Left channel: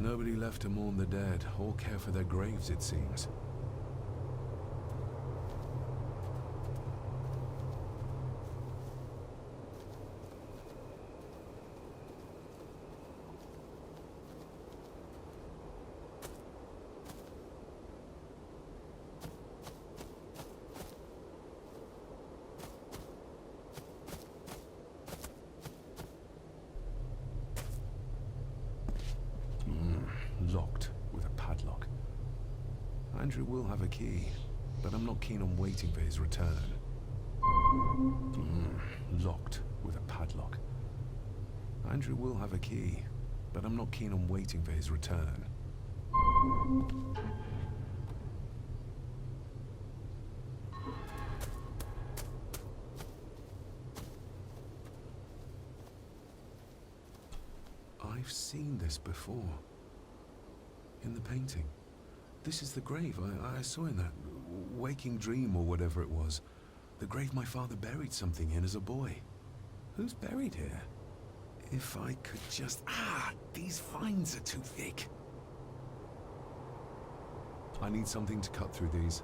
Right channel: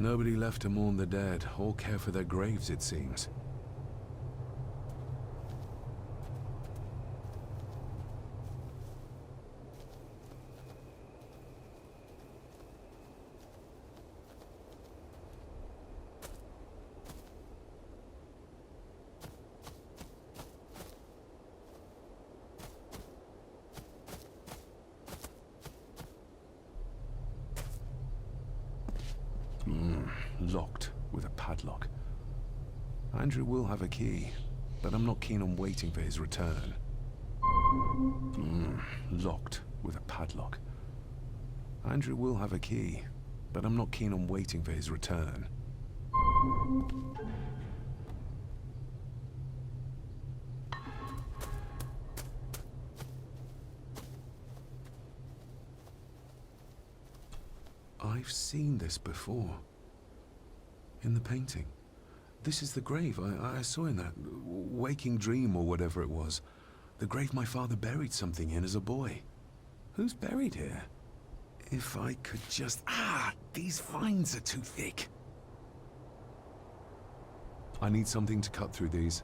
Nobody left to mourn the dead or care for their graves, it seems. Locked with a padlock. Andrew will have a key, but I'm not keen on waiting for his return. Locked with a padlock. Andrew will have a key, but I'm not keen on waiting for his return. I've seen this before. In the painting. This is the grave I saw in that waking dream or whatever it was. The grave my father buried something in as a boy. Who's buried here? If I could just... these vines are too thick. I need something to cut through these.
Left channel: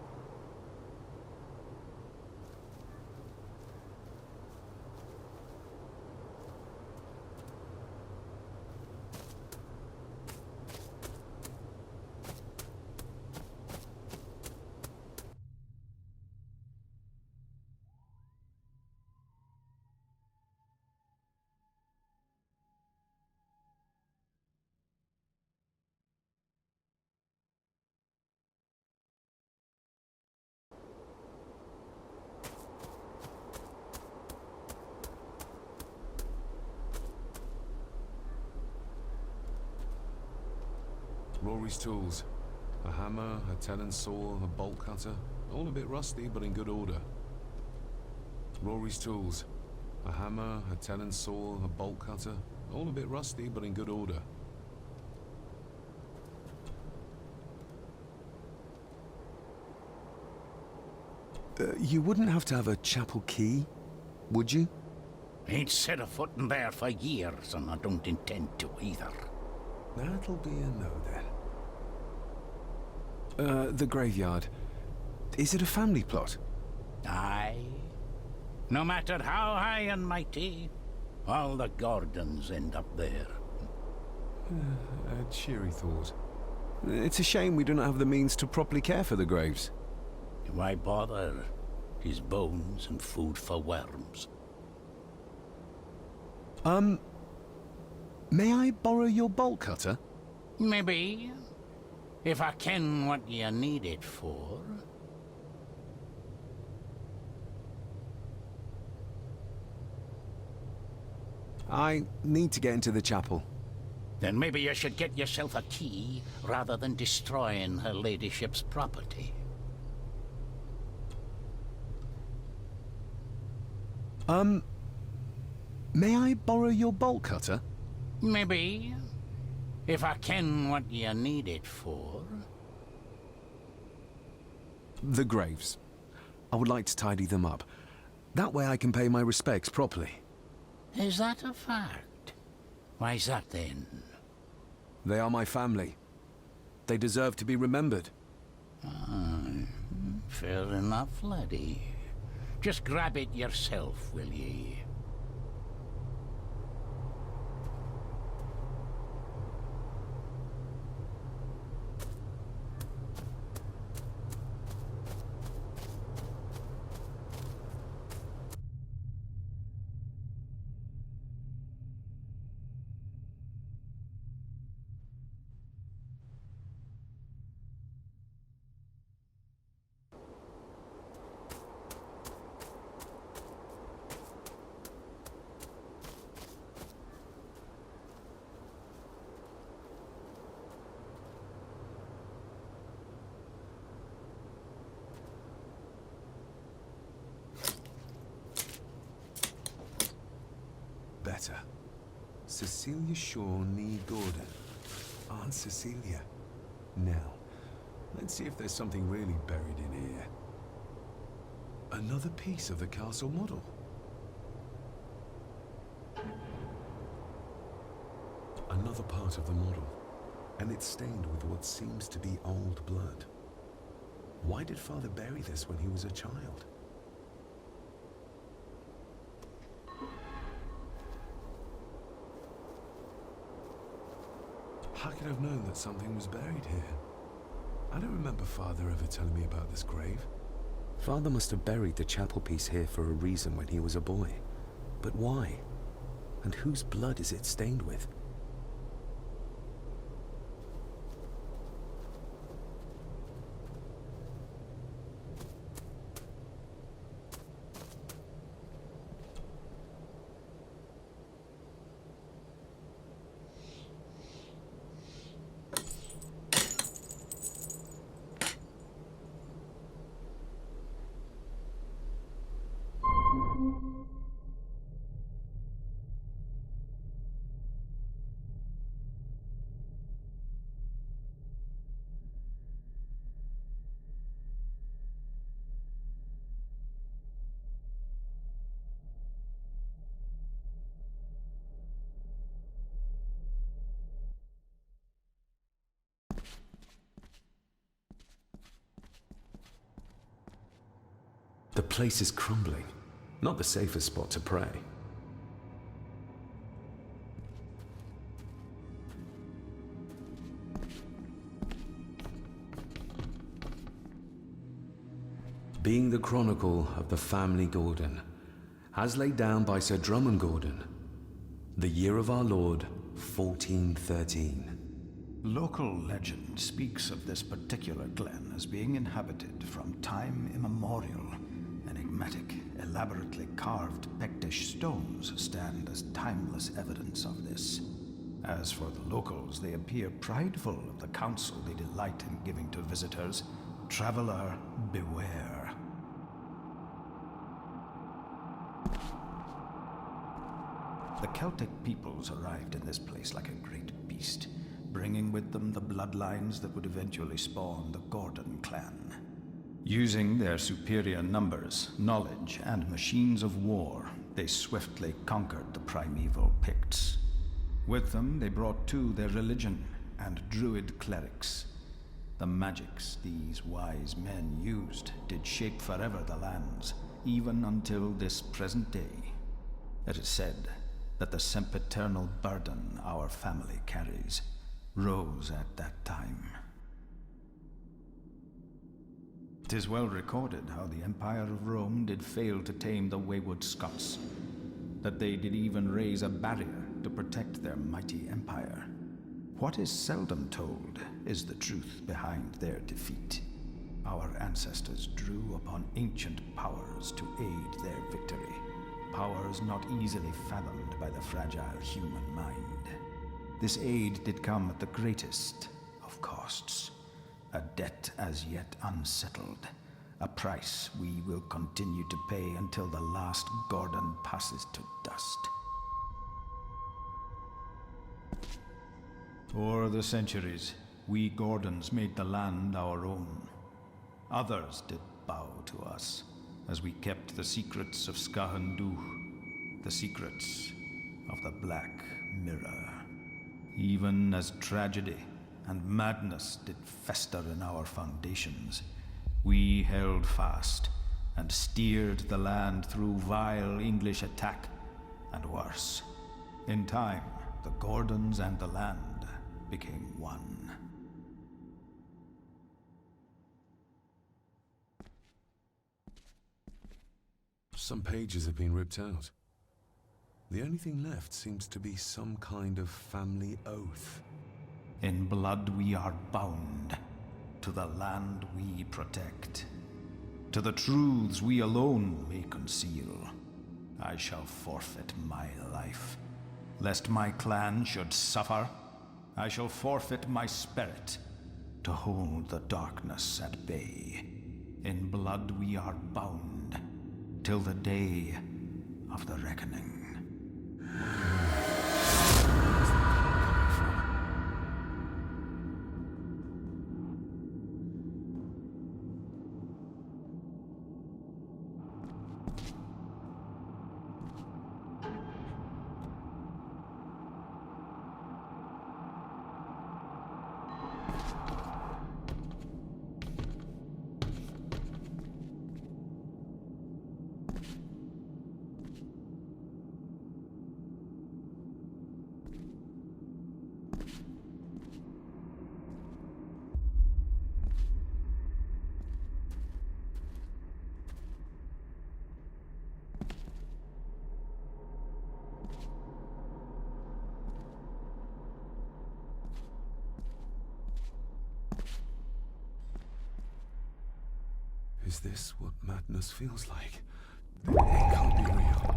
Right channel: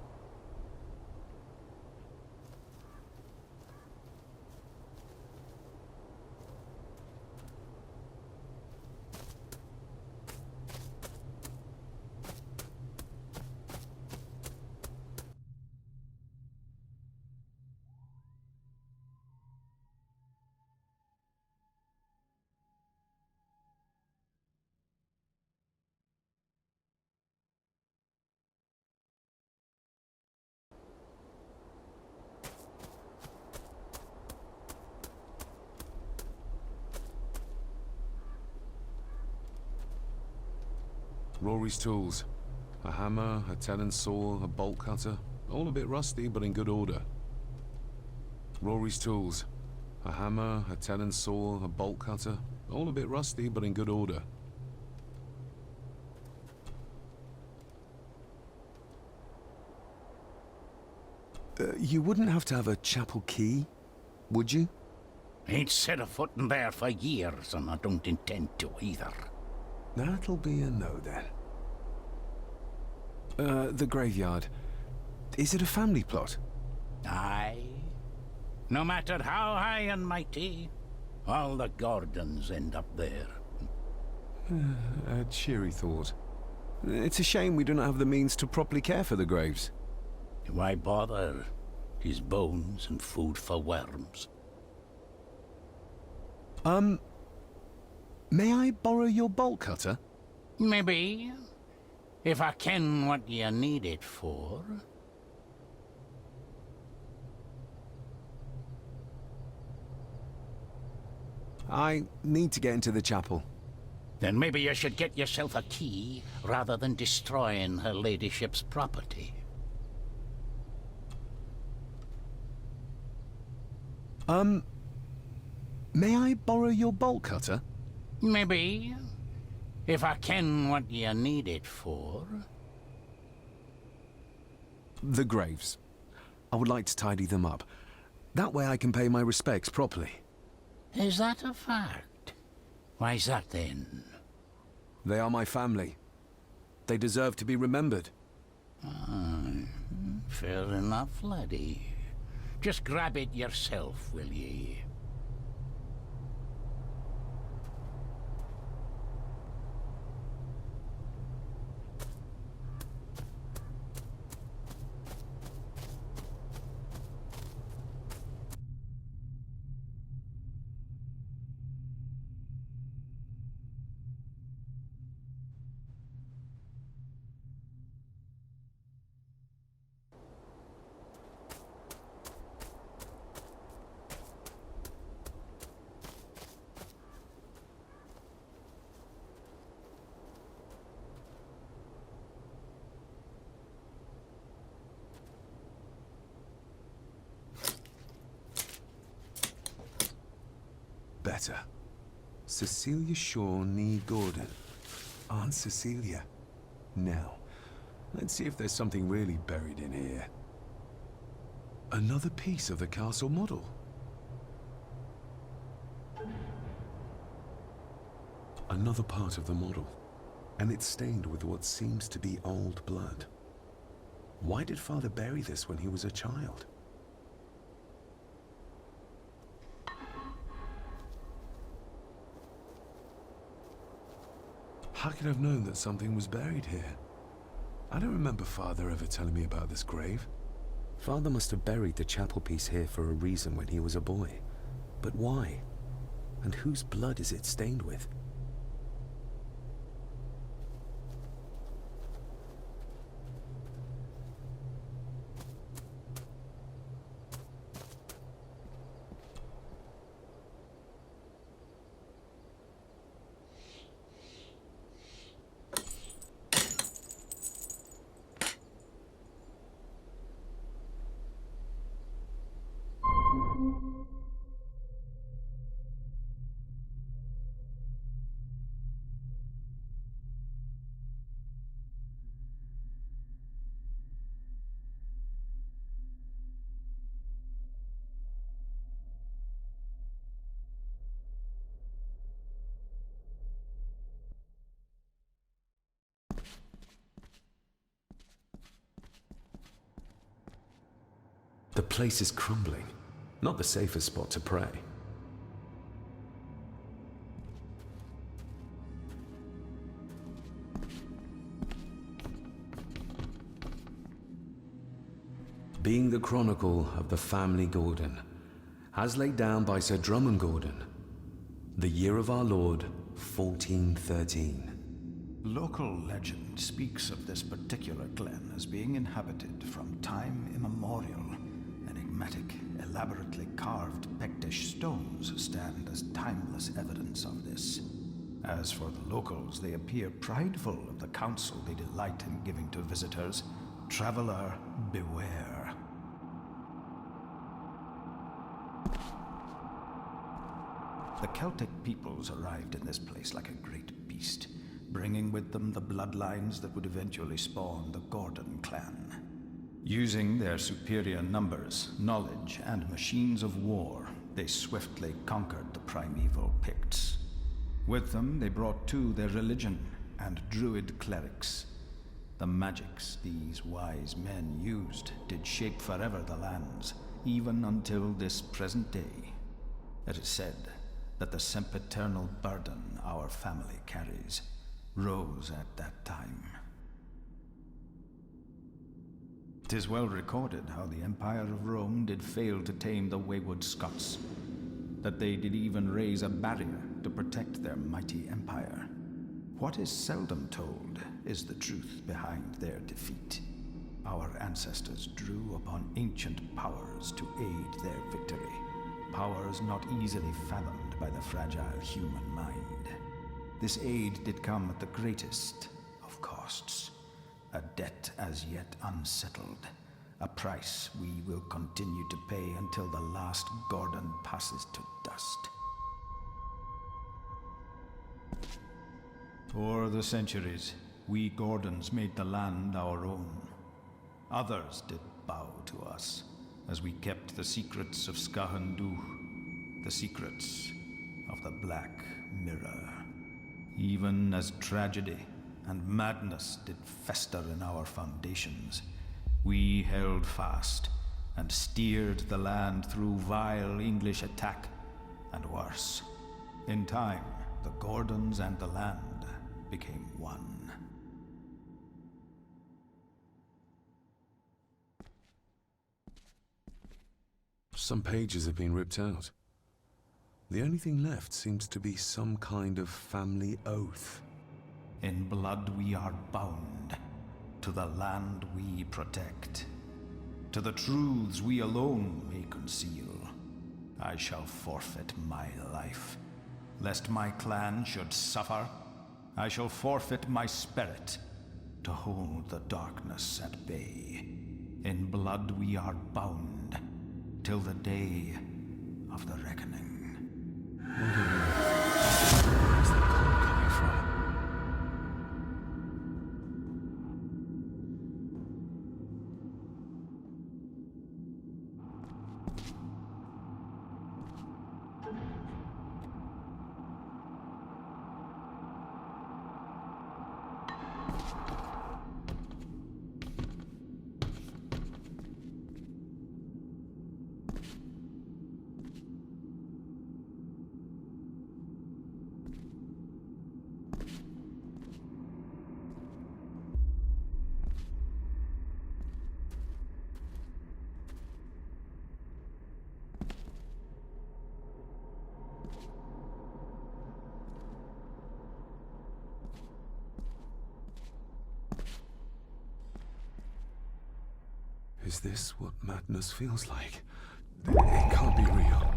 Rory's tools. A hammer, a tenon saw, a bolt cutter. All a bit rusty, but in good order. Rory's tools. A hammer, a tenon saw, a bolt cutter. All a bit rusty, but in good order. You wouldn't have to have a chapel key, would you? Ain't set a foot in there for years, and I don't intend to either. That'll be a no, then. The graveyard. Is it a family plot? Aye. No matter how high and mighty, all the Gordons end up there. A cheery thought. It's a shame we do not have the means to properly care for the graves. Why bother? 'Tis bones and food for worms. May I borrow your bolt cutter? Maybe. If I ken what you need it for. I need to get into the chapel. Then maybe you should get yourself a key, rather than destroying her ladyship's property. May I borrow your bolt cutter? Maybe. If I ken what you need it for. The graves. I would like to tidy them up. That way I can pay my respects properly. Is that a fact? Why's that then? They are my family. They deserve to be remembered. Fair enough, laddie. Just grab it yourself, will ye? Better. Cecilia Shaw Nee Gordon. Aunt Cecilia. Now, let's see if there's something really buried in here. Another piece of the castle model. Another part of the model. and it's stained with what seems to be old blood. Why did Father bury this when he was a child? How could I have known that something was buried here? I don't remember Father ever telling me about this grave. Father must have buried the chapel piece here for a reason when he was a boy. But why? And whose blood is it stained with? The place is crumbling. Not the safest spot to pray. Being the chronicle of the family Gordon, as laid down by Sir Drummond Gordon, the year of our Lord, 1413. Local legend speaks of this particular glen as being inhabited from time immemorial. Enigmatic, elaborately carved Pictish stones stand as timeless evidence of this. As for the locals, they appear prideful of the counsel they delight in giving to visitors. Traveler, beware. The Celtic peoples arrived in this place like a great beast, bringing with them the bloodlines that would eventually spawn the Gordon clan. Using their superior numbers, knowledge, and machines of war, they swiftly conquered the primeval Picts. With them, they brought too their religion and druid clerics. The magics these wise men used did shape forever the lands, even until this present day. It is said that the sempiternal burden our family carries rose at that time. 'Tis well recorded how the Empire of Rome did fail to tame the wayward Scots, that they did even raise a barrier to protect their mighty empire. What is seldom told is the truth behind their defeat. Our ancestors drew upon ancient powers to aid their victory, powers not easily fathomed by the fragile human mind. This aid did come at the greatest of costs. A debt as yet unsettled, a price we will continue to pay until the last Gordon passes to dust. For the centuries, we Gordons made the land our own. Others did bow to us, as we kept the secrets of Skahandu, the secrets of the Black Mirror. Even as tragedy and madness did fester in our foundations, we held fast and steered the land through vile English attack and worse. In time, the Gordons and the land became one. Some pages have been ripped out. The only thing left seems to be some kind of family oath. In blood we are bound to the land we protect, to the truths we alone may conceal. I shall forfeit my life, lest my clan should suffer. I shall forfeit my spirit to hold the darkness at bay. In blood we are bound till the day of the reckoning. What on earth? Where's the call coming from? Is this what madness feels like? It can't be real.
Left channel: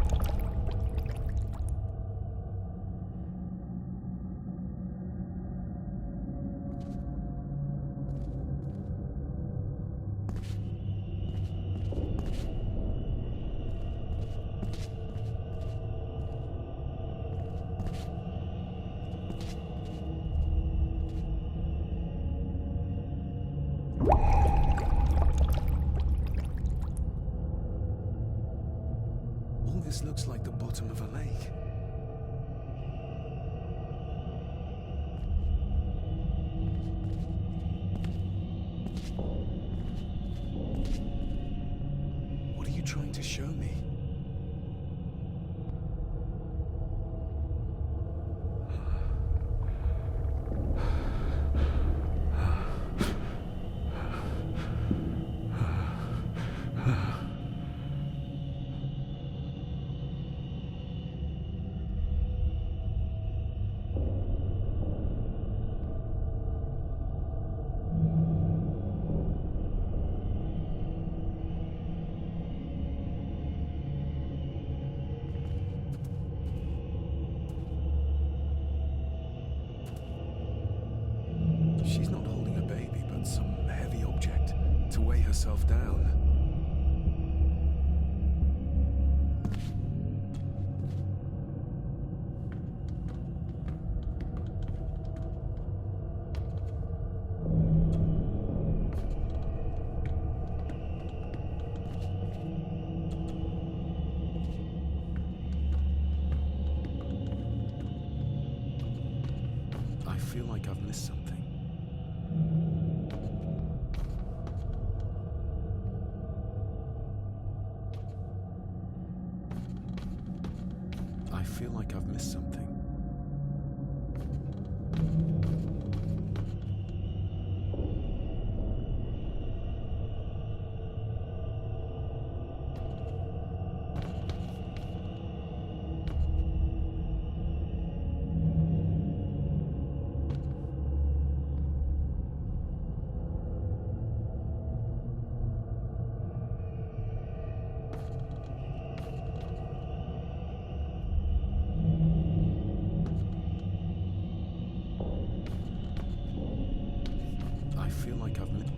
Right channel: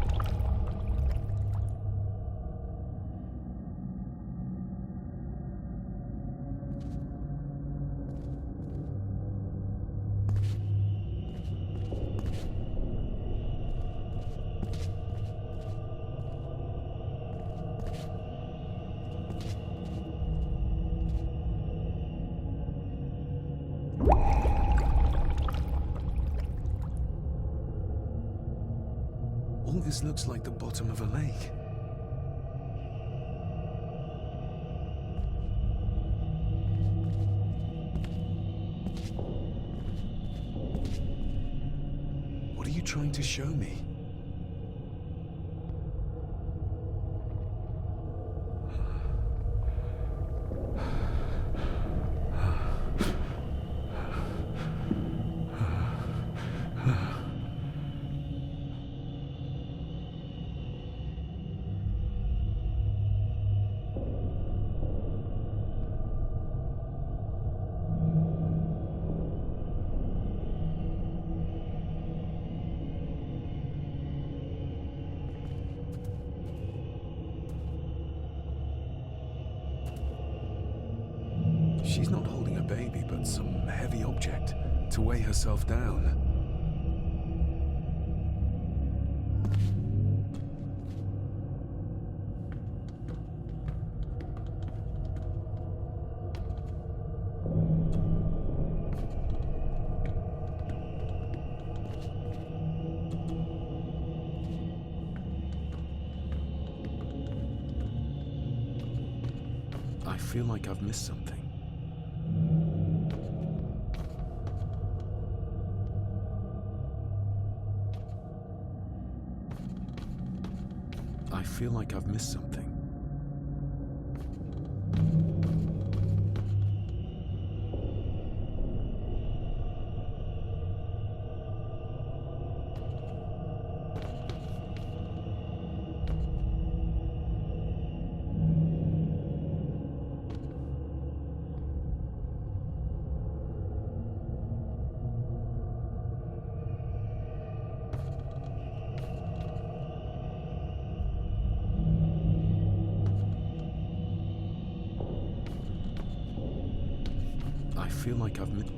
All this looks like the bottom of a lake. What are you trying to show me? She's not holding a baby, but some heavy object to weigh herself down. I feel like I've missed something. I feel like I've missed something. I feel like I've missed.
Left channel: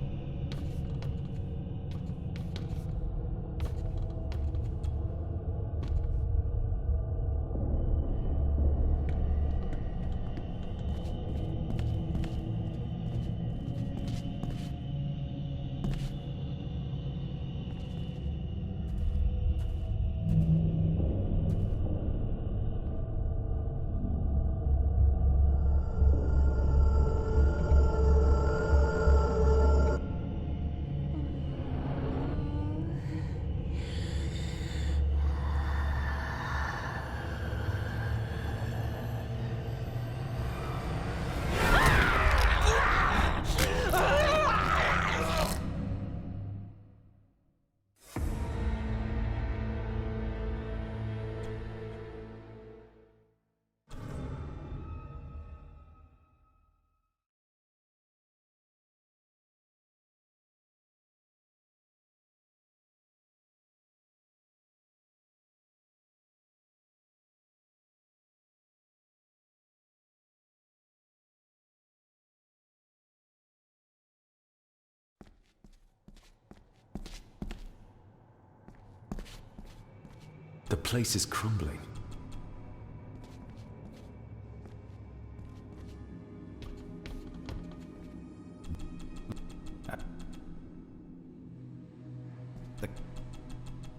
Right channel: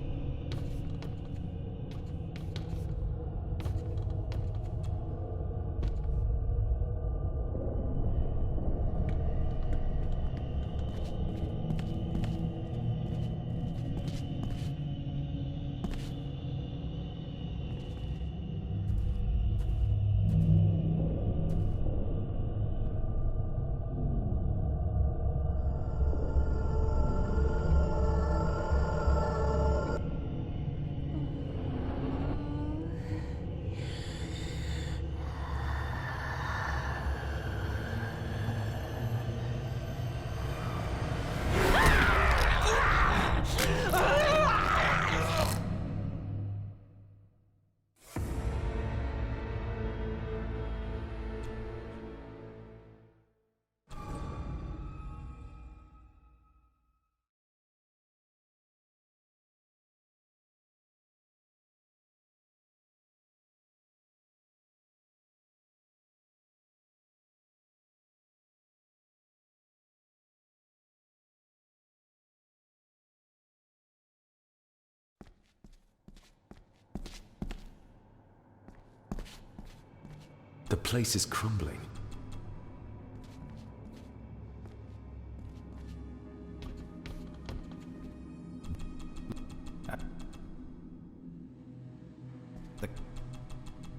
The place is crumbling.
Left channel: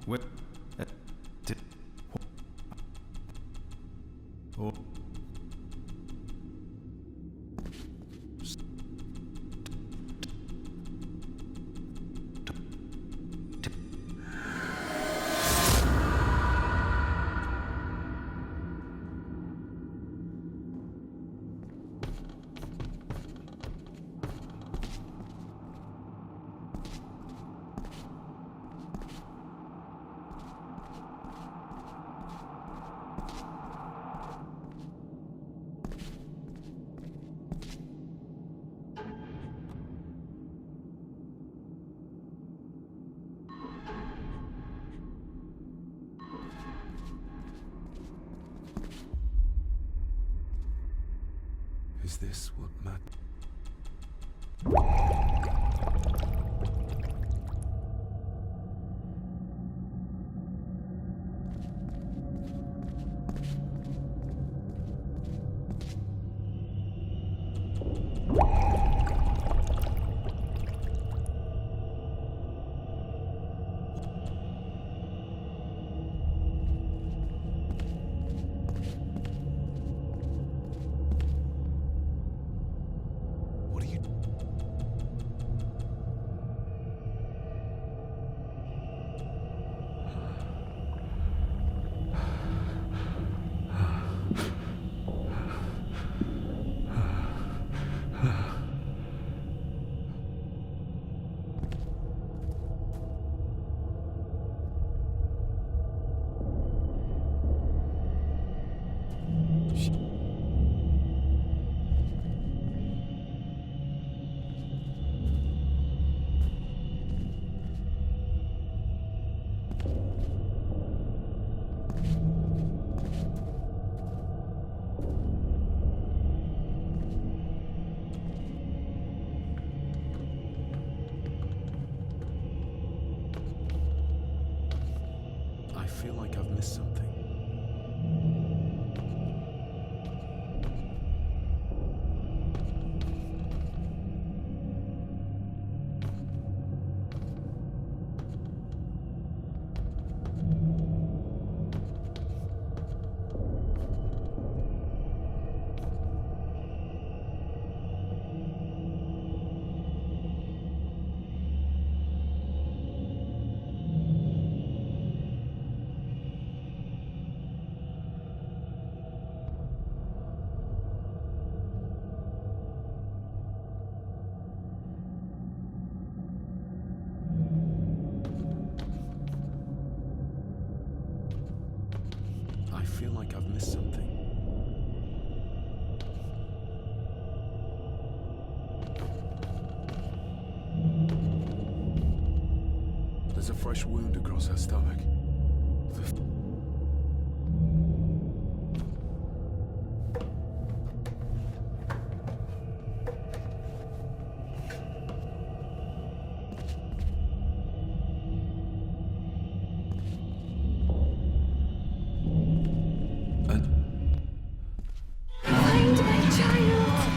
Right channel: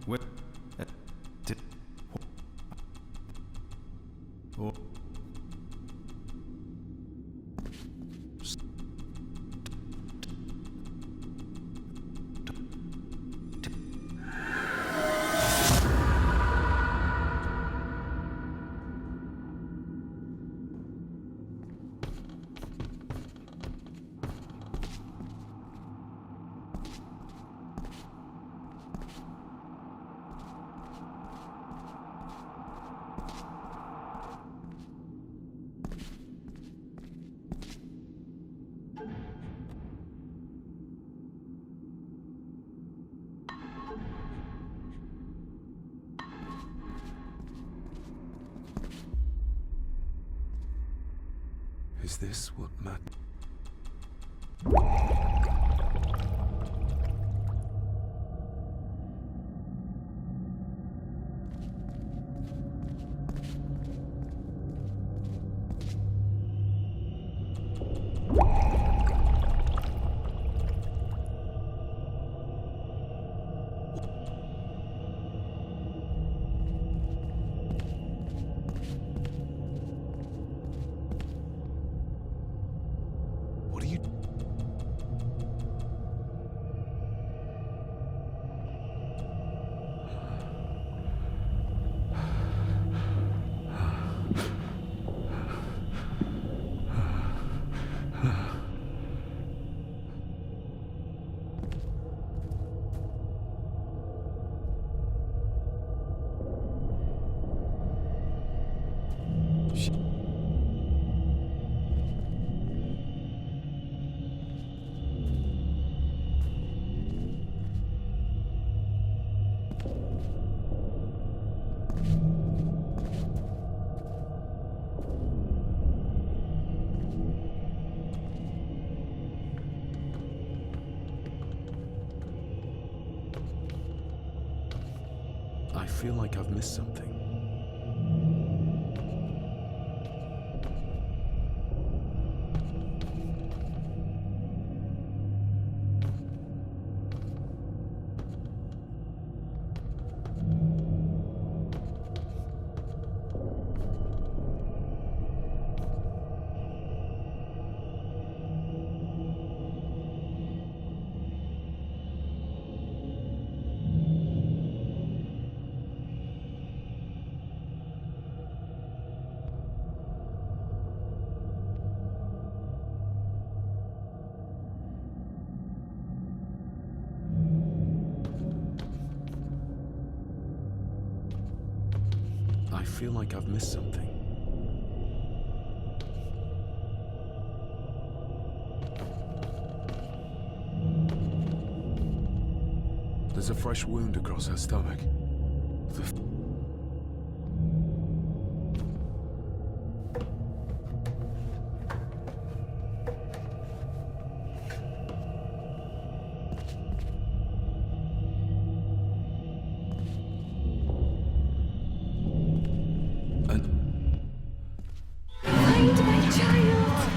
What? Oh. Is this what matters? What are you... I feel like I've missed something. I feel like I've missed something. There's a fresh wound across her stomach. Find my child!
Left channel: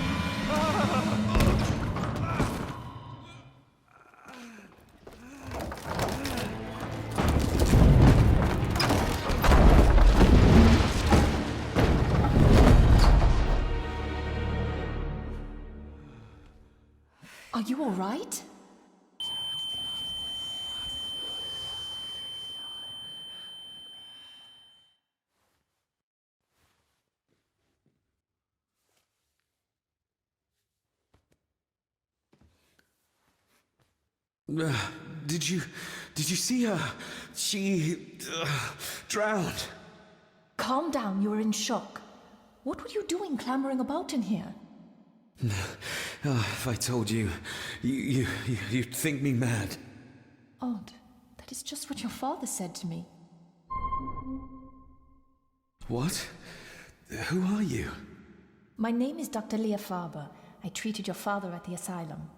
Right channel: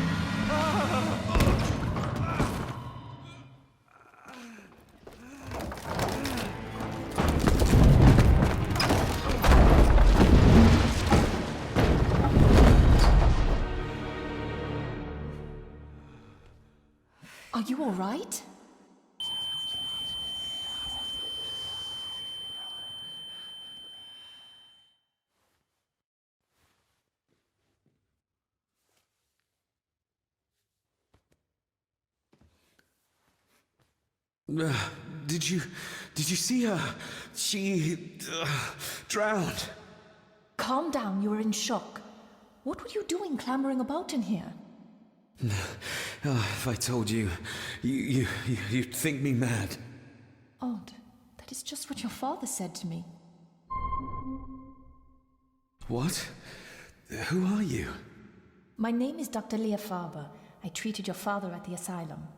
Are you all right? Did you see her? She drowned. Calm down, you are in shock. What were you doing clambering about in here? If I told you, you'd think me mad. Odd. That is just what your father said to me. What? Who are you? My name is Dr. Leah Farber. I treated your father at the asylum.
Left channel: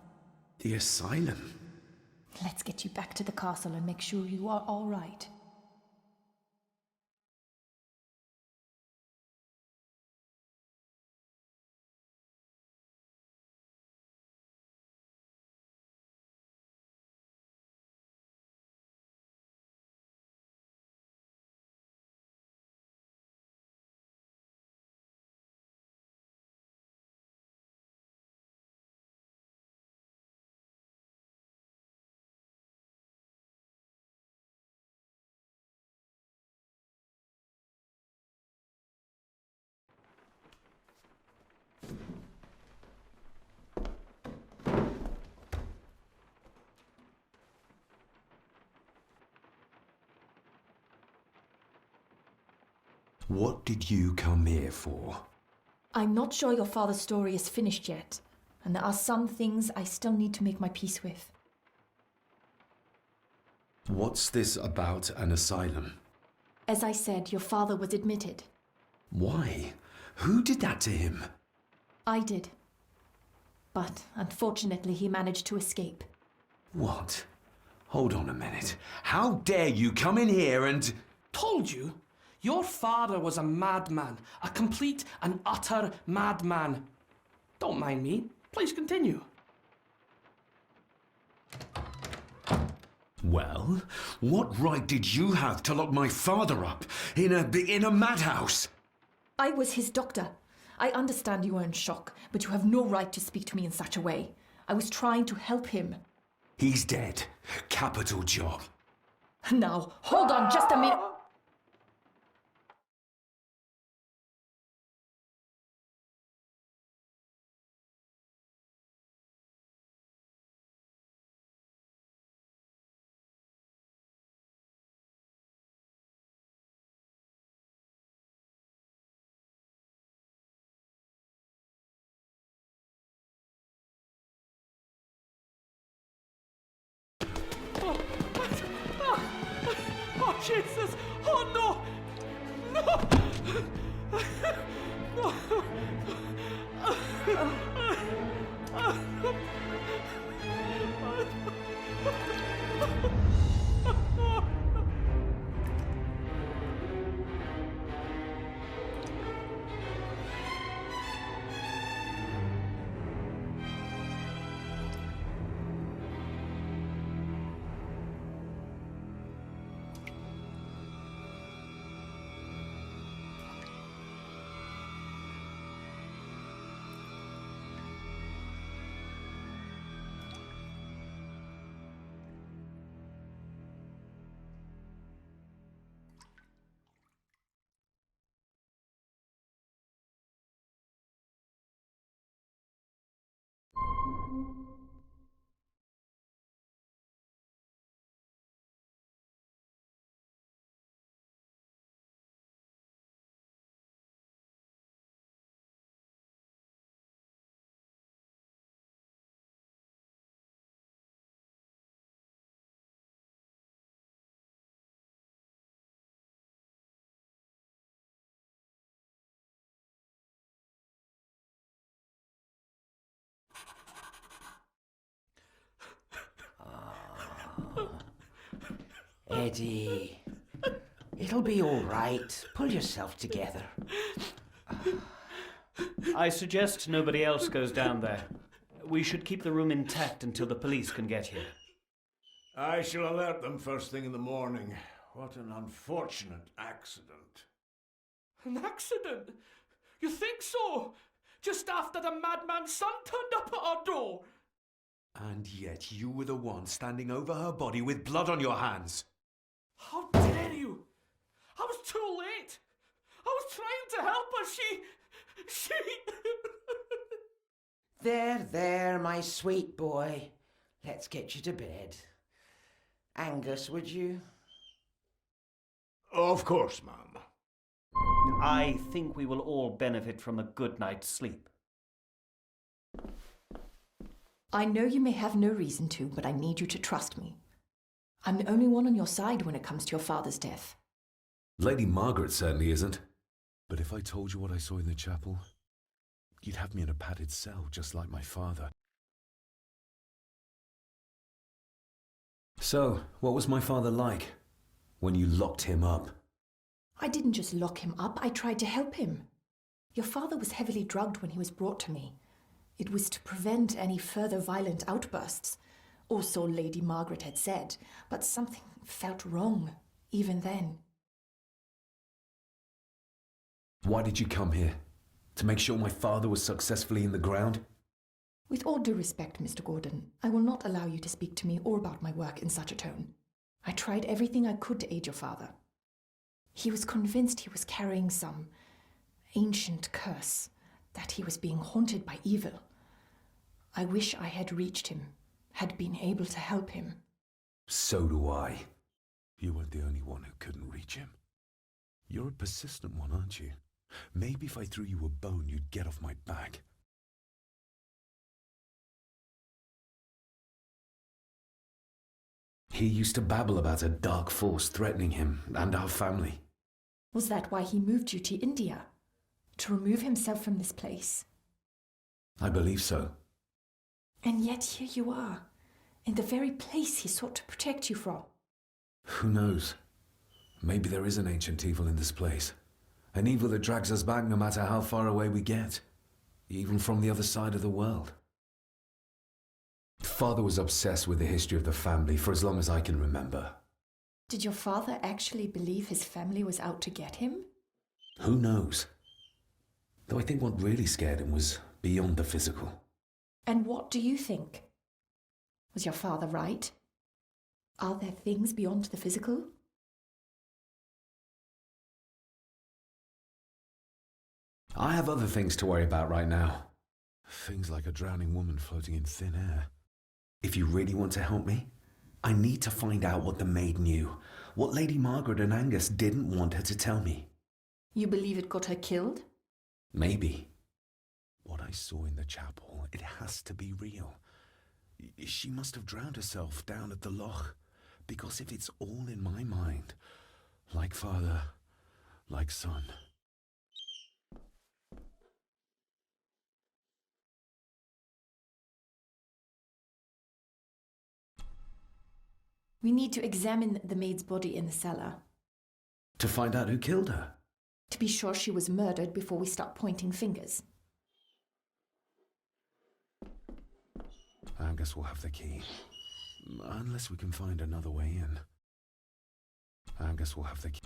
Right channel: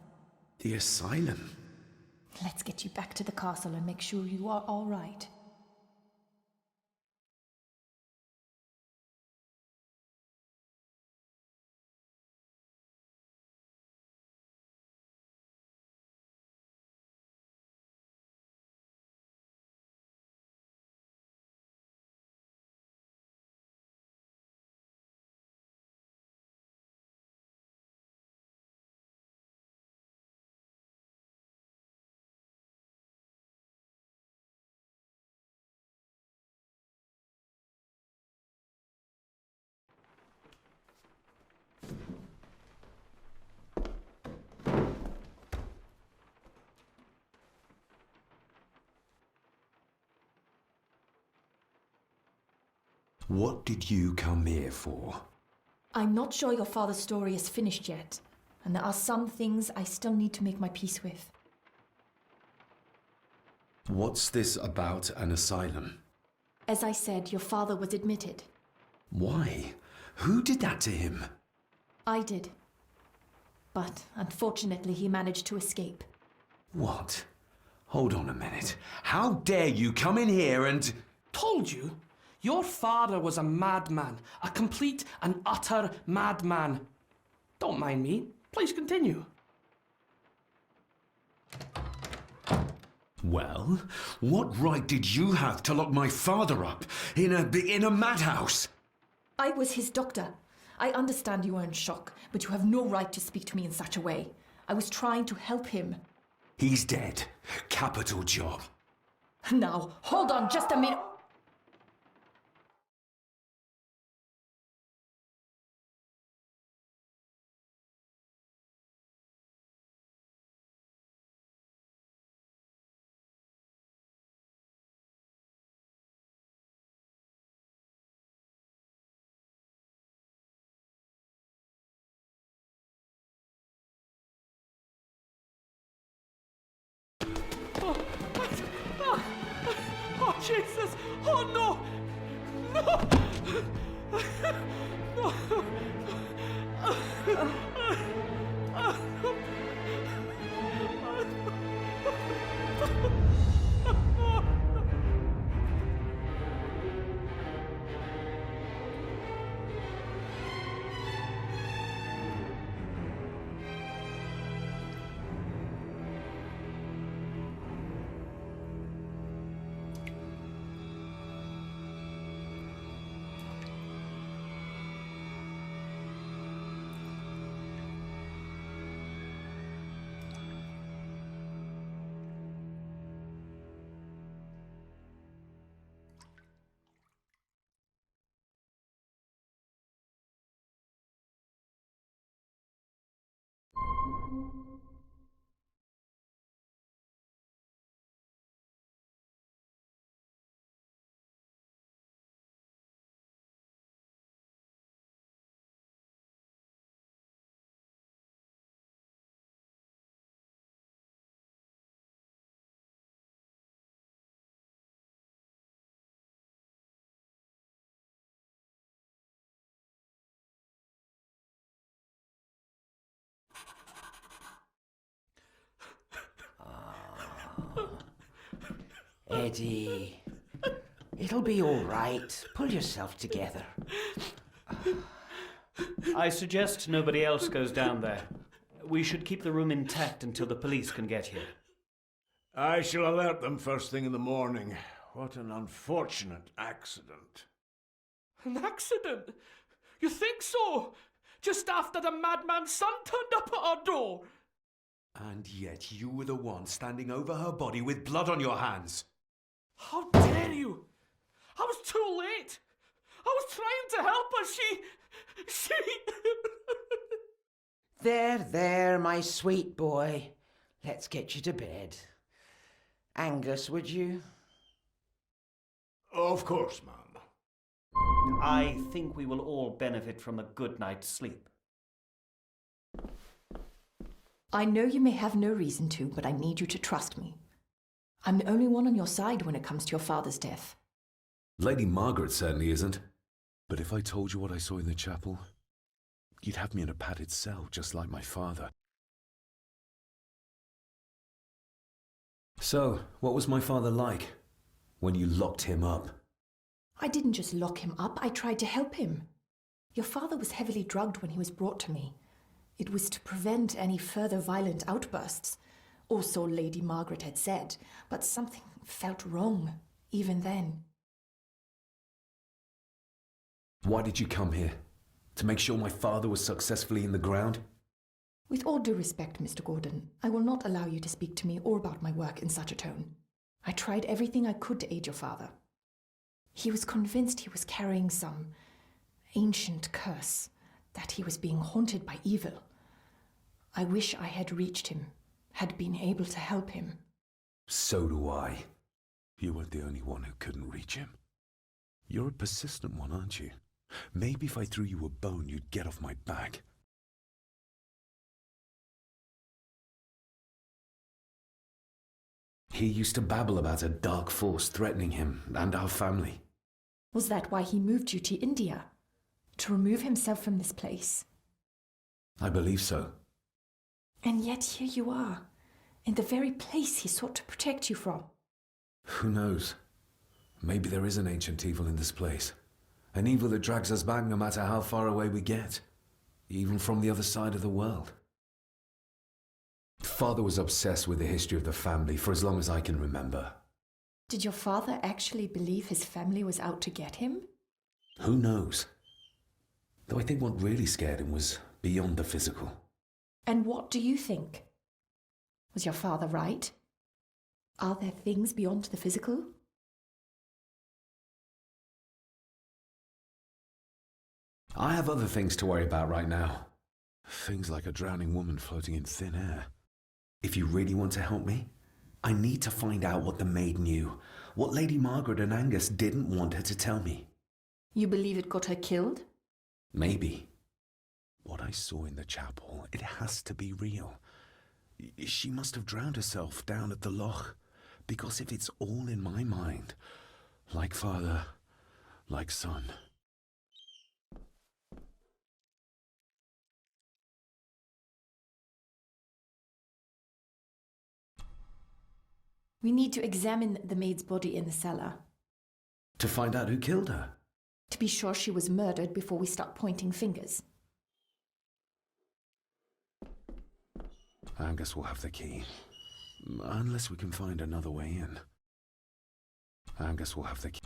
The asylum? Let's get you back to the castle and make sure you are all right. What did you come here for? I'm not sure your father's story is finished yet, and there are some things I still need to make my peace with. What's this about an asylum? As I said, your father was admitted. Why? Who did that to him? I did. But unfortunately, he managed to escape. What? Hold on a minute. How dare you come in here and... Told you? Your father was a madman. A complete and utter madman. Don't mind me. Please continue. Well, what right did you have to lock my father up in a madhouse? I was his doctor. I understand you are in shock, but you have no right to speak to me in such a way. I was trying to help him. He's dead. Capital job. Now, hold on just a minute. Oh, Jesus! Oh, no! No! Eddie, it'll be all right. Pull yourself together. I suggest nobody else goes down there. We should keep the room intact until the police can get here. I shall alert them first thing in the morning. What an unfortunate accident. An accident? You think so? Just after the madman's son turned up at our door. And yet you were the one standing over her body with blood on your hands. How dare you? I was too late. I was trying to help her. She... There, my sweet boy. Let's get you to bed. Angus, would you? Of course, ma'am. I think we will all benefit from a good night's sleep. I know you may have no reason to, but I need you to trust me. I'm the only one on your side when it comes to your father's death. Lady Margaret certainly isn't. But if I told you what I saw in the chapel, you'd have me in a padded cell, just like my father. So, what was my father like when you locked him up? I didn't just lock him up, I tried to help him. Your father was heavily drugged when he was brought to me. It was to prevent any further violent outbursts, or so Lady Margaret had said, but something felt wrong, even then. Why did you come here? To make sure my father was successfully in the ground? With all due respect, Mr. Gordon, I will not allow you to speak to me or about my work in such a tone. I tried everything I could to aid your father. He was convinced he was carrying some ancient curse, that he was being haunted by evil. I wish I had reached him, had been able to help him. So do I. You weren't the only one who couldn't reach him. You're a persistent one, aren't you? Maybe if I threw you a bone, you'd get off my back. He used to babble about a dark force threatening him and our family. Was that why he moved you to India? To remove himself from this place? I believe so. And yet here you are, in the very place he sought to protect you from. Who knows? Maybe there is an ancient evil in this place. An evil that drags us back no matter how far away we get. Even from the other side of the world. Father was obsessed with the history of the family for as long as I can remember. Did your father actually believe his family was out to get him? Who knows? Though I think what really scared him was beyond the physical. And what do you think? Was your father right? Are there things beyond the physical? I have other things to worry about right now. Things like a drowning woman floating in thin air. If you really want to help me, I need to find out what the maid knew. What Lady Margaret and Angus didn't want her to tell me. You believe it got her killed? Maybe. What I saw in the chapel, it has to be real. She must have drowned herself down at the loch. Because if it's all in my mind, like father, like son. We need to examine the maid's body in the cellar. To find out who killed her. To be sure she was murdered before we start pointing fingers. Angus will have the key. Unless we can find another way in. Angus will have the key.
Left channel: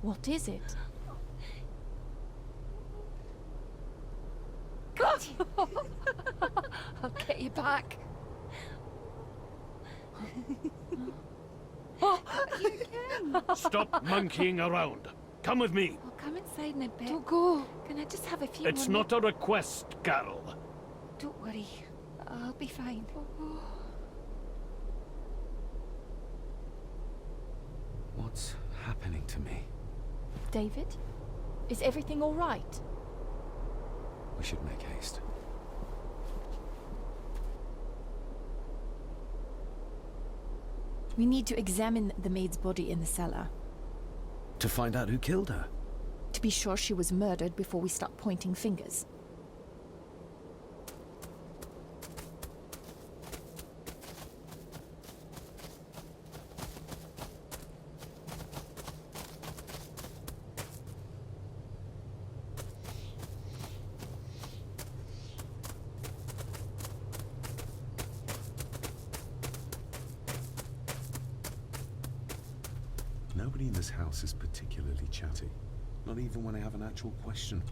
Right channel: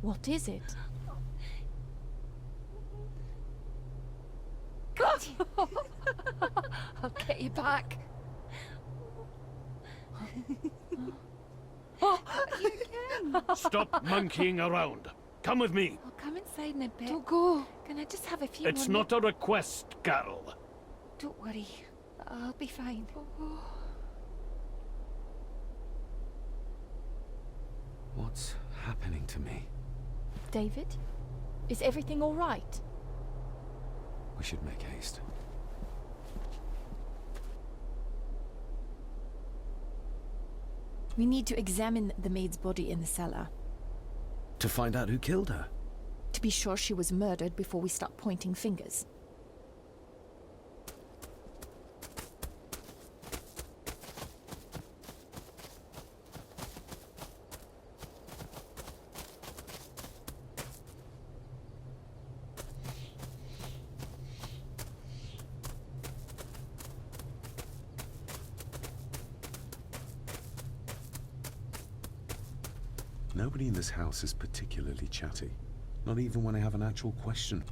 What is it? I'll get you back. Stop monkeying around. Come with me. I'll come inside in a bit. Don't go. Can I just have a few It's more not a request, Carol. Don't worry. I'll be fine. What's happening to me? David? Is everything all right? We should make haste. We need to examine the maid's body in the cellar. To find out who killed her. To be sure she was murdered before we start pointing fingers. Nobody in this house is particularly chatty. Not even when I have an actual question.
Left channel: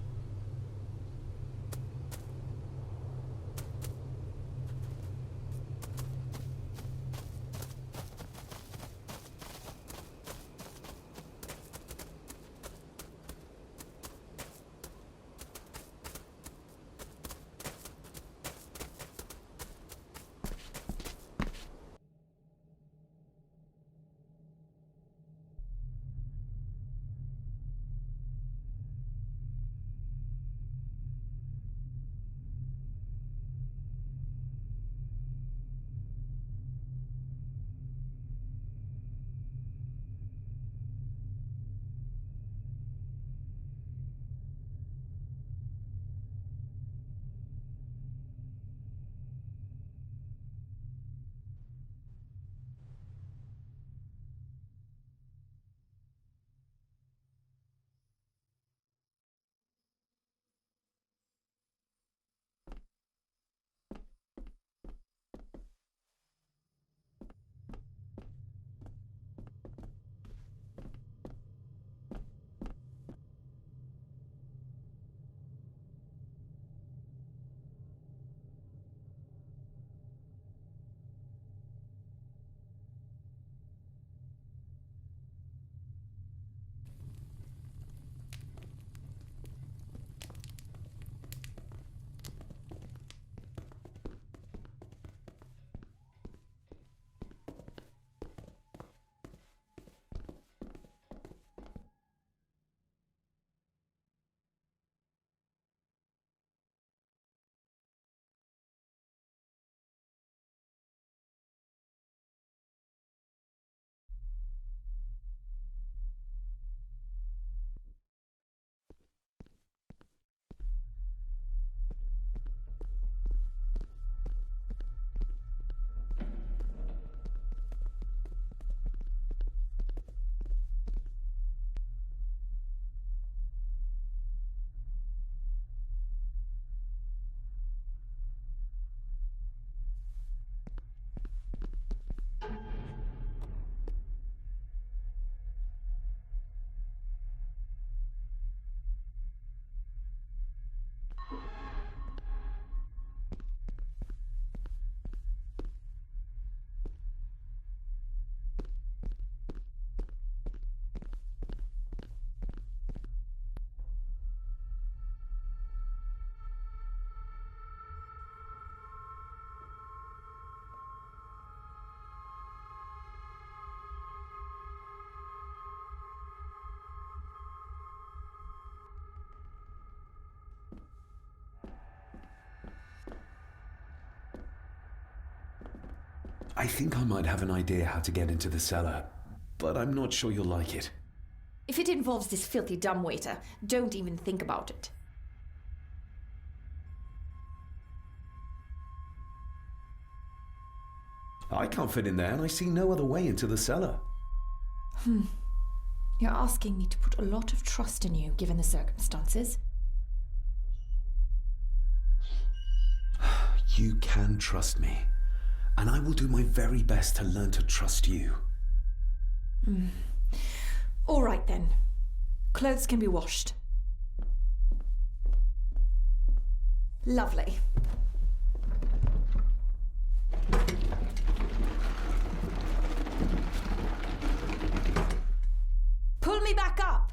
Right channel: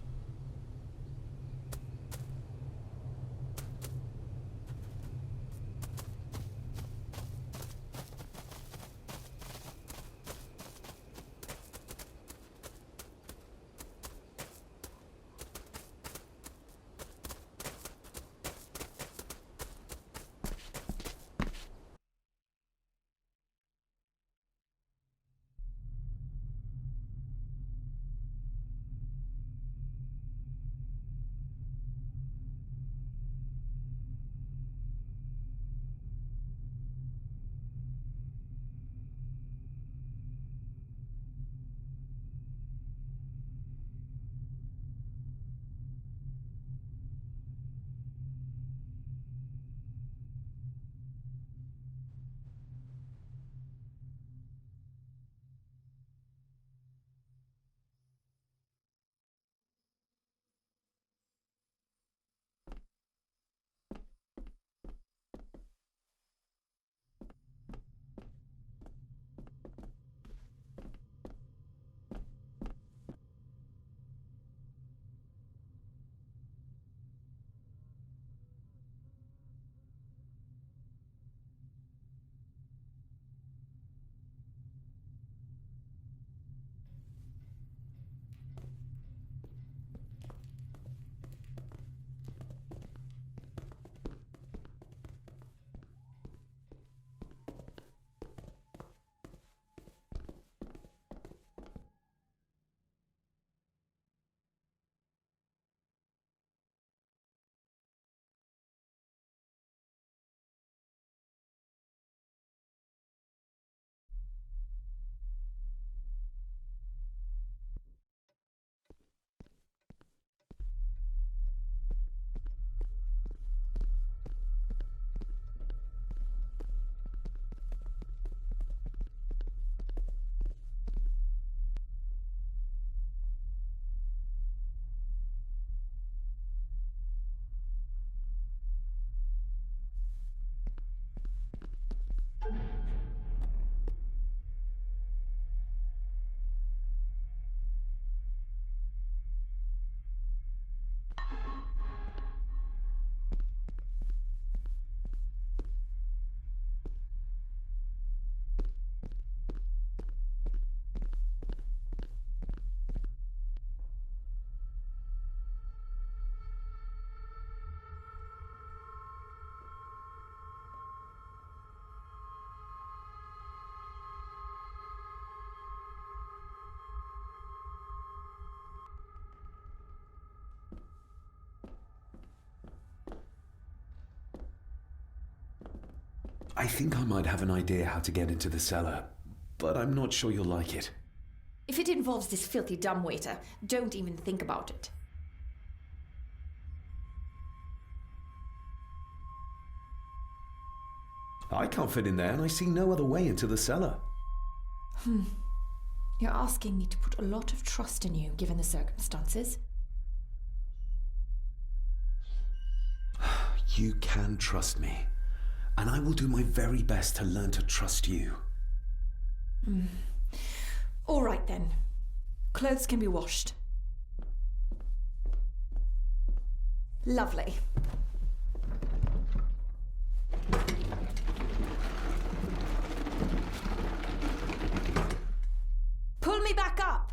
I think I might have an idea how to get into the cellar, but I'm not sure you'll like it. If it involves this filthy dumbwaiter, don't even think about it. I can't fit in there, and I see no other way into the cellar. You're asking me to put a lot of trust in you, given the circumstances. You can trust me, and I will do my very best to learn to trust you. All right, then. Clothes can be washed. Lovely. Pull me back up!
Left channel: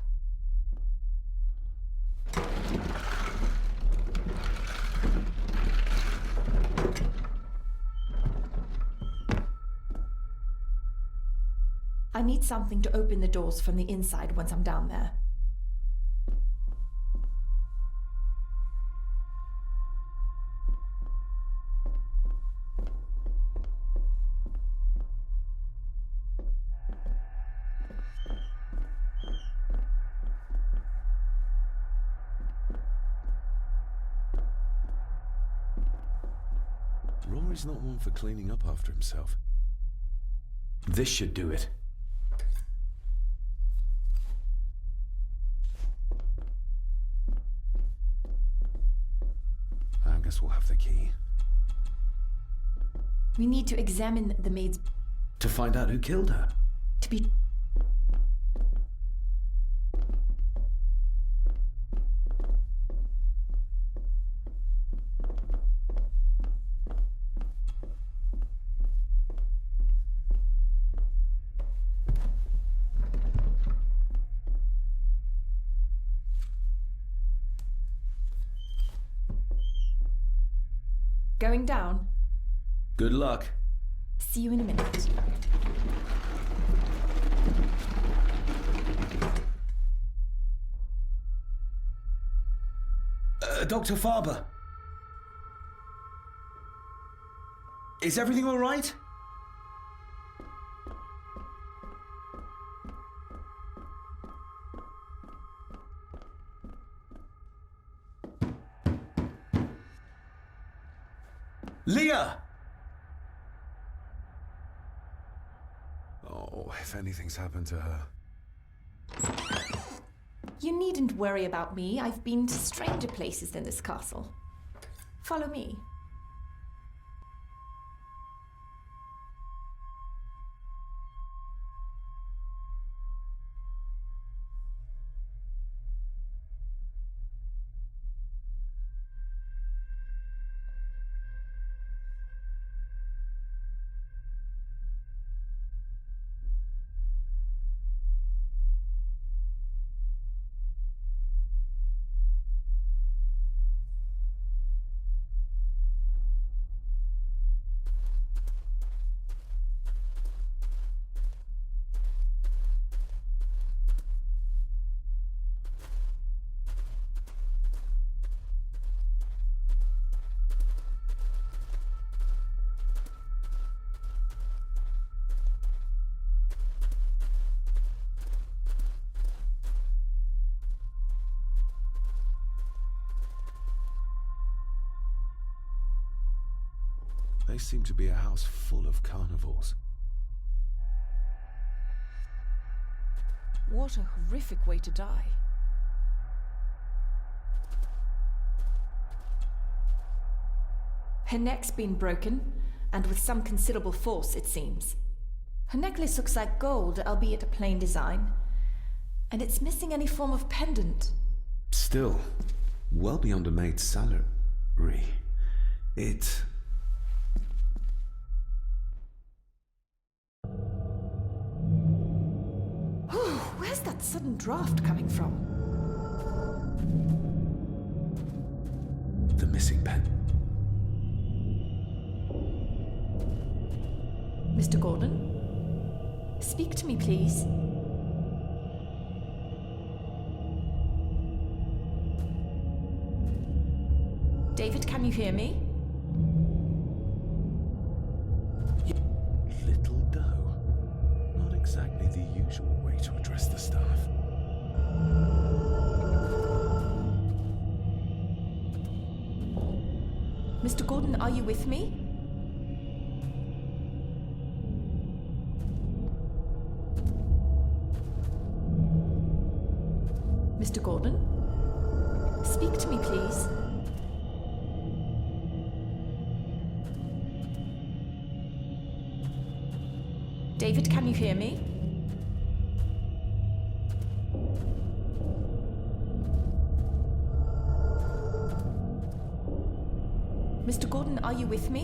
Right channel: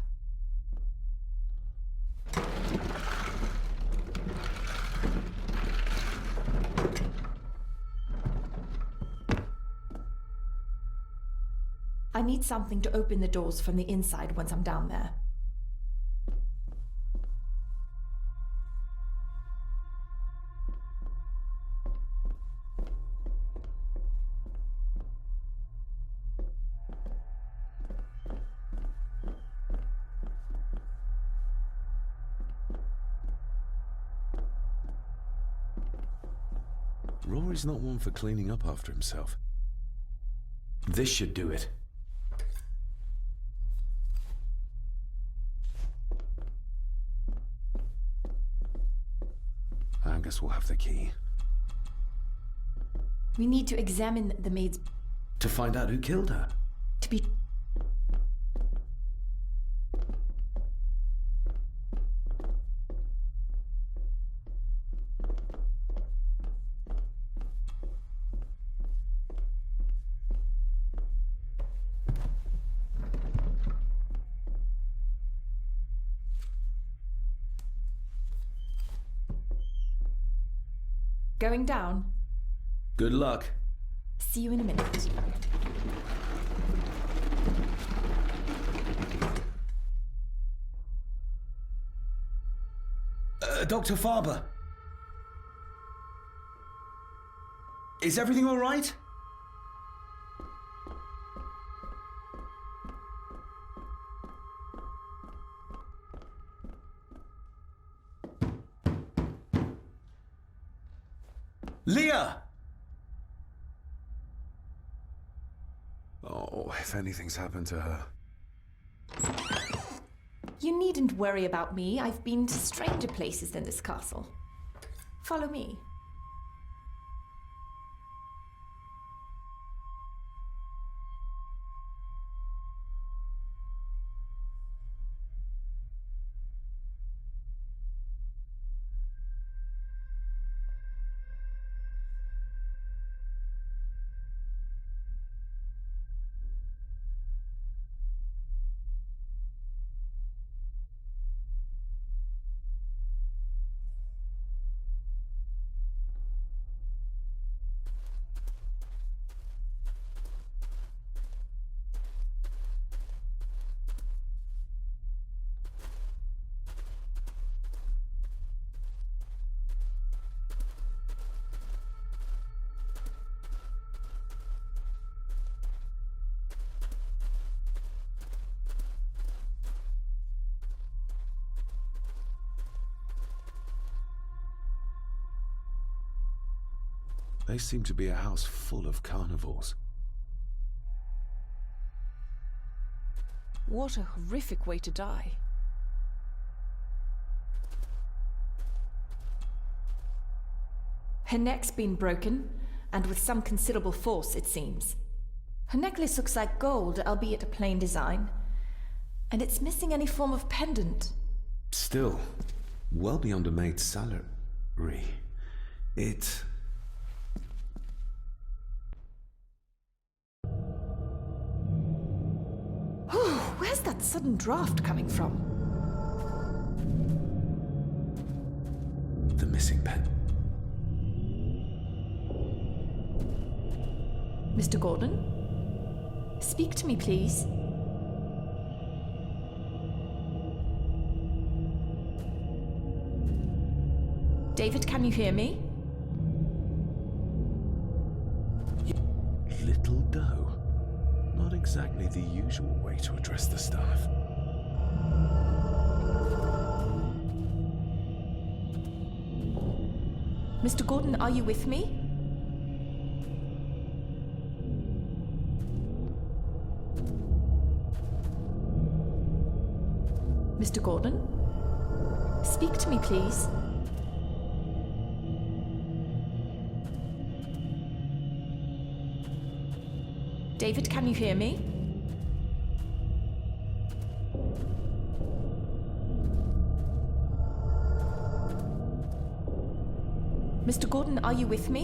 I need something to open the doors from the inside once I'm down there. Rory's not one for cleaning up after himself. This should do it. I guess we'll have the key. We need to examine the maid's... To find out who killed her. to be... Going down? Good luck. See you in a minute. Dr. Farber. Is everything all right? Leah! Oh, if anything's happened to her. You needn't worry about me. I've been to stranger places than this castle. Follow me. They seem to be a house full of carnivores. What a horrific way to die. Her neck's been broken, and with some considerable force, it seems. Her necklace looks like gold, albeit a plain design, and it's missing any form of pendant. Still, well beyond a maid's salary. It... Where's that sudden draft coming from? The missing pen. Mr. Gordon? Speak to me, please. David, can you hear me? exactly the usual way to address the staff. Mr. Gordon, are you with me? Mr. Gordon? Speak to me, please. David, can you hear me? Mr. Gordon, are you with me?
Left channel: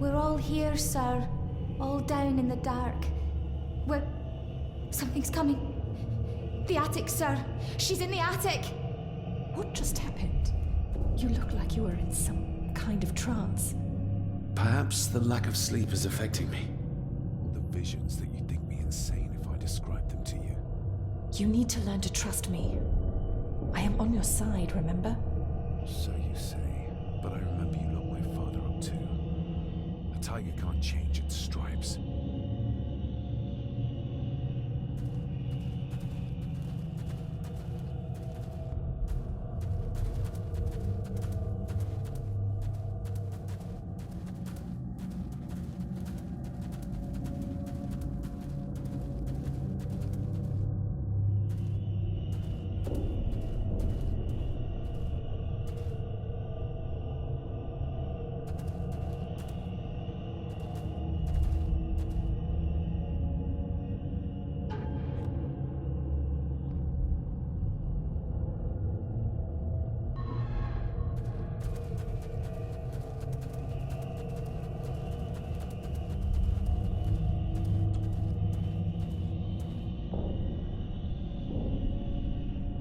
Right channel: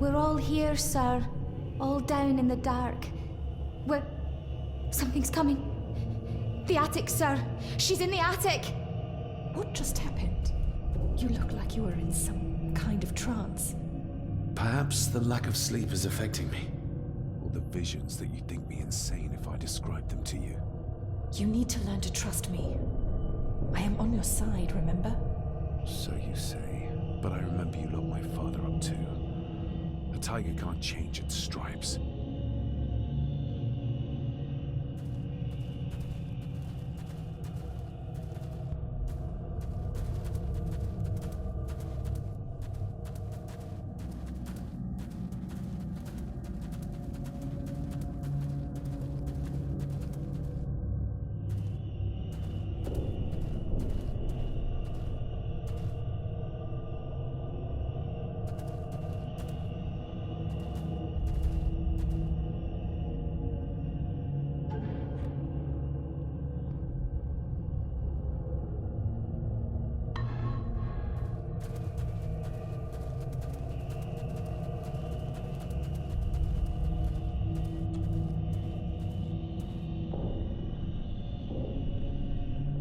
We're all here, sir. All down in the dark. Something's coming. The attic, sir. She's in the attic. What just happened? You look like you were in some kind of trance. Perhaps the lack of sleep is affecting me. Or the visions that you'd think me insane if I described them to you. You need to learn to trust me. I am on your side, remember? So you say. But I remember you locked my father up too. A tiger can't change its stripes.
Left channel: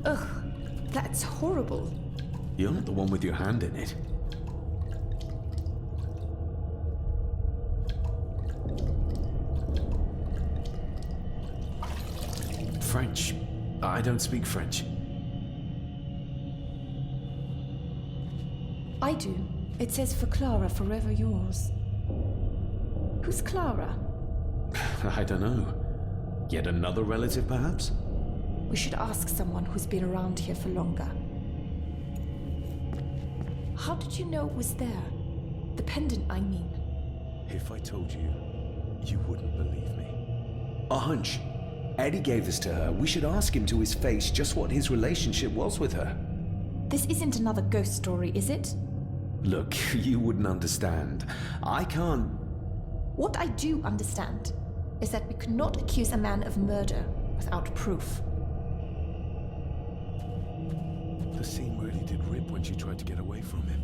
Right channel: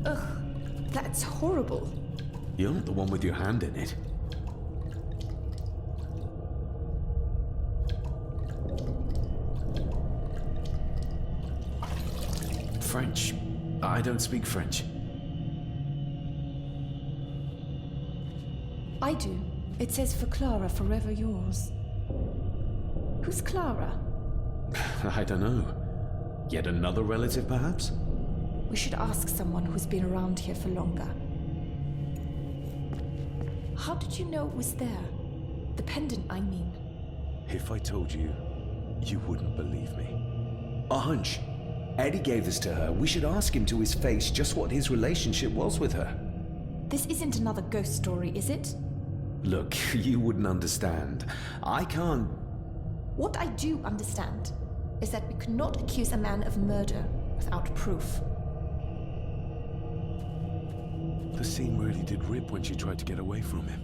Ugh, that's horrible. You're not the one with your hand in it. French. I don't speak French. I do. It says for Clara, forever yours. Who's Clara? I don't know. Yet another relative, perhaps? We should ask someone who's been around here for longer. How did you know it was there? The pendant, I mean. If I told you, you wouldn't believe me. A hunch. Eddie gave this to her. We should ask him to his face just what his relationship was with her. This isn't another ghost story, is it? Look, you wouldn't understand. I can't... What I do understand is that we could not accuse a man of murder without proof. The scene really did rip when she tried to get away from him.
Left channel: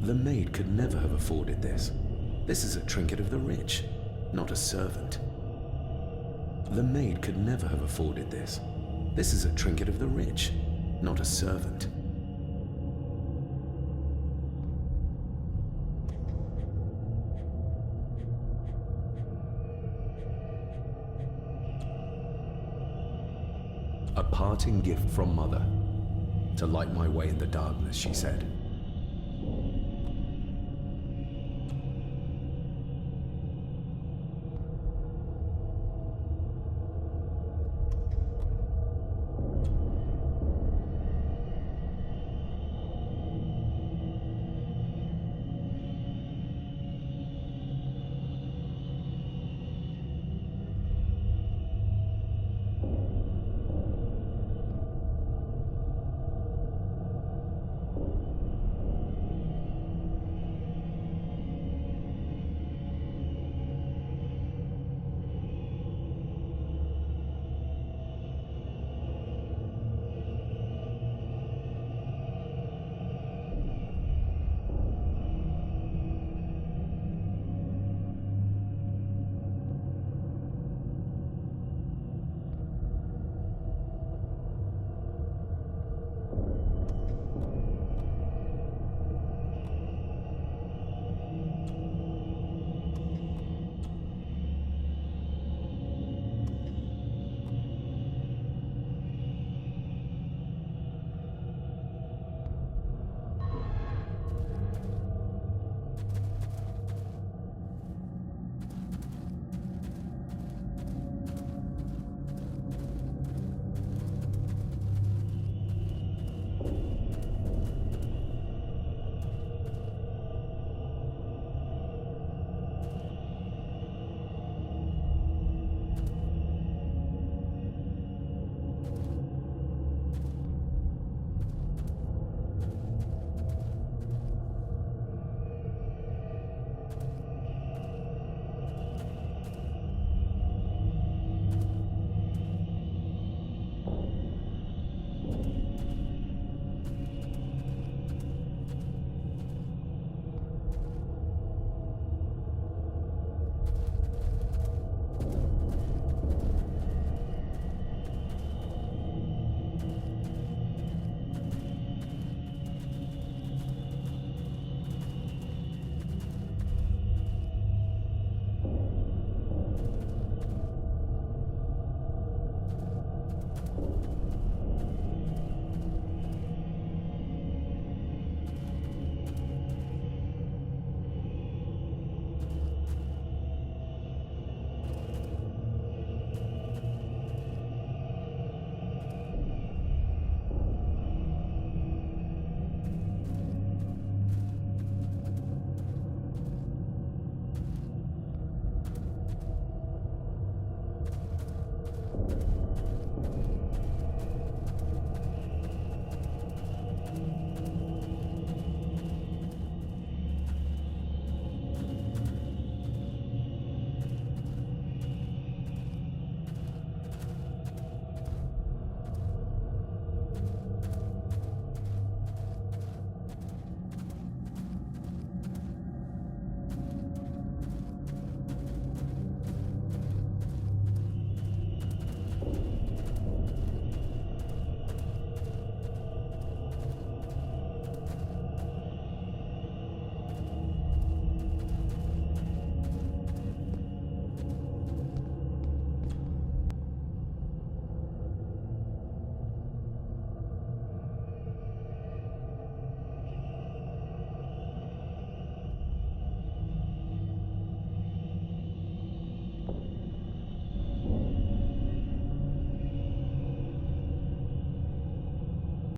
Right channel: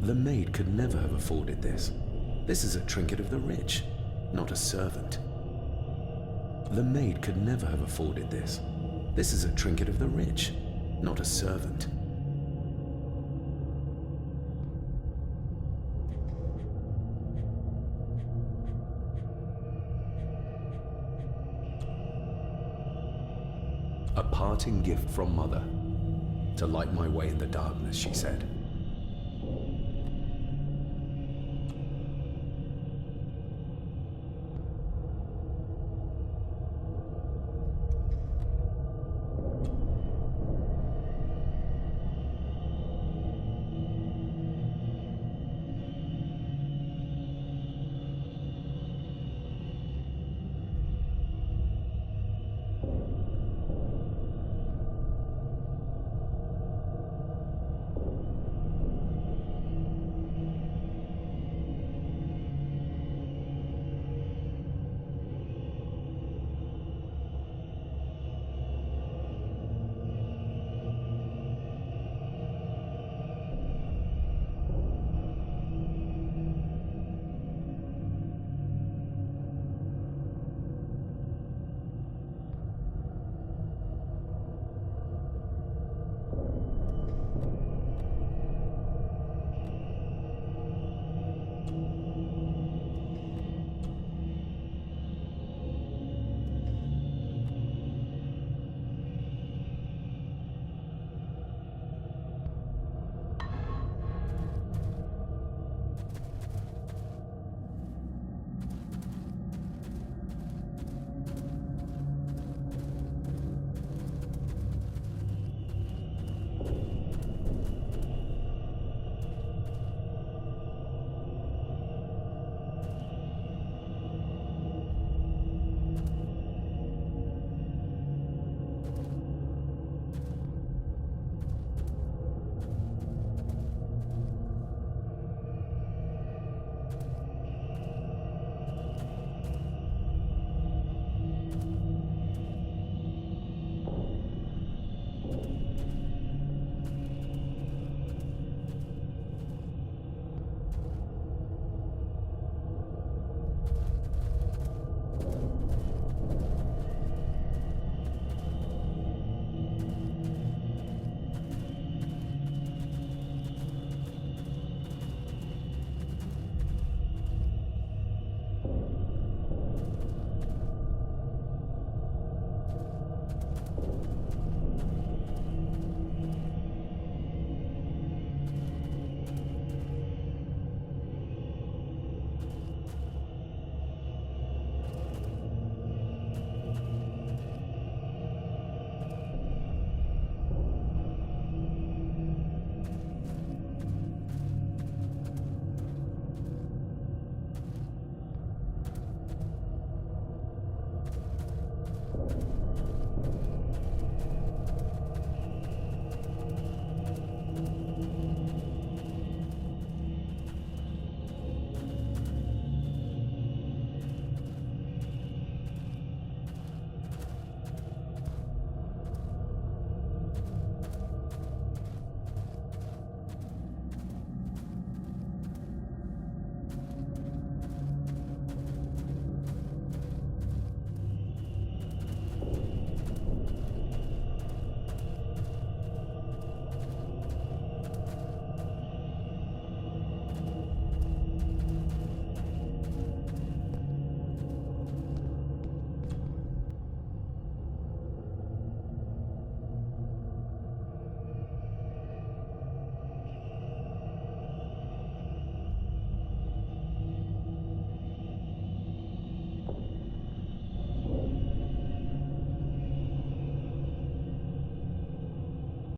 The maid could never have afforded this. This is a trinket of the rich, not a servant. The maid could never have afforded this. This is a trinket of the rich, not a servant. A parting gift from Mother. To light my way in the darkness, she said.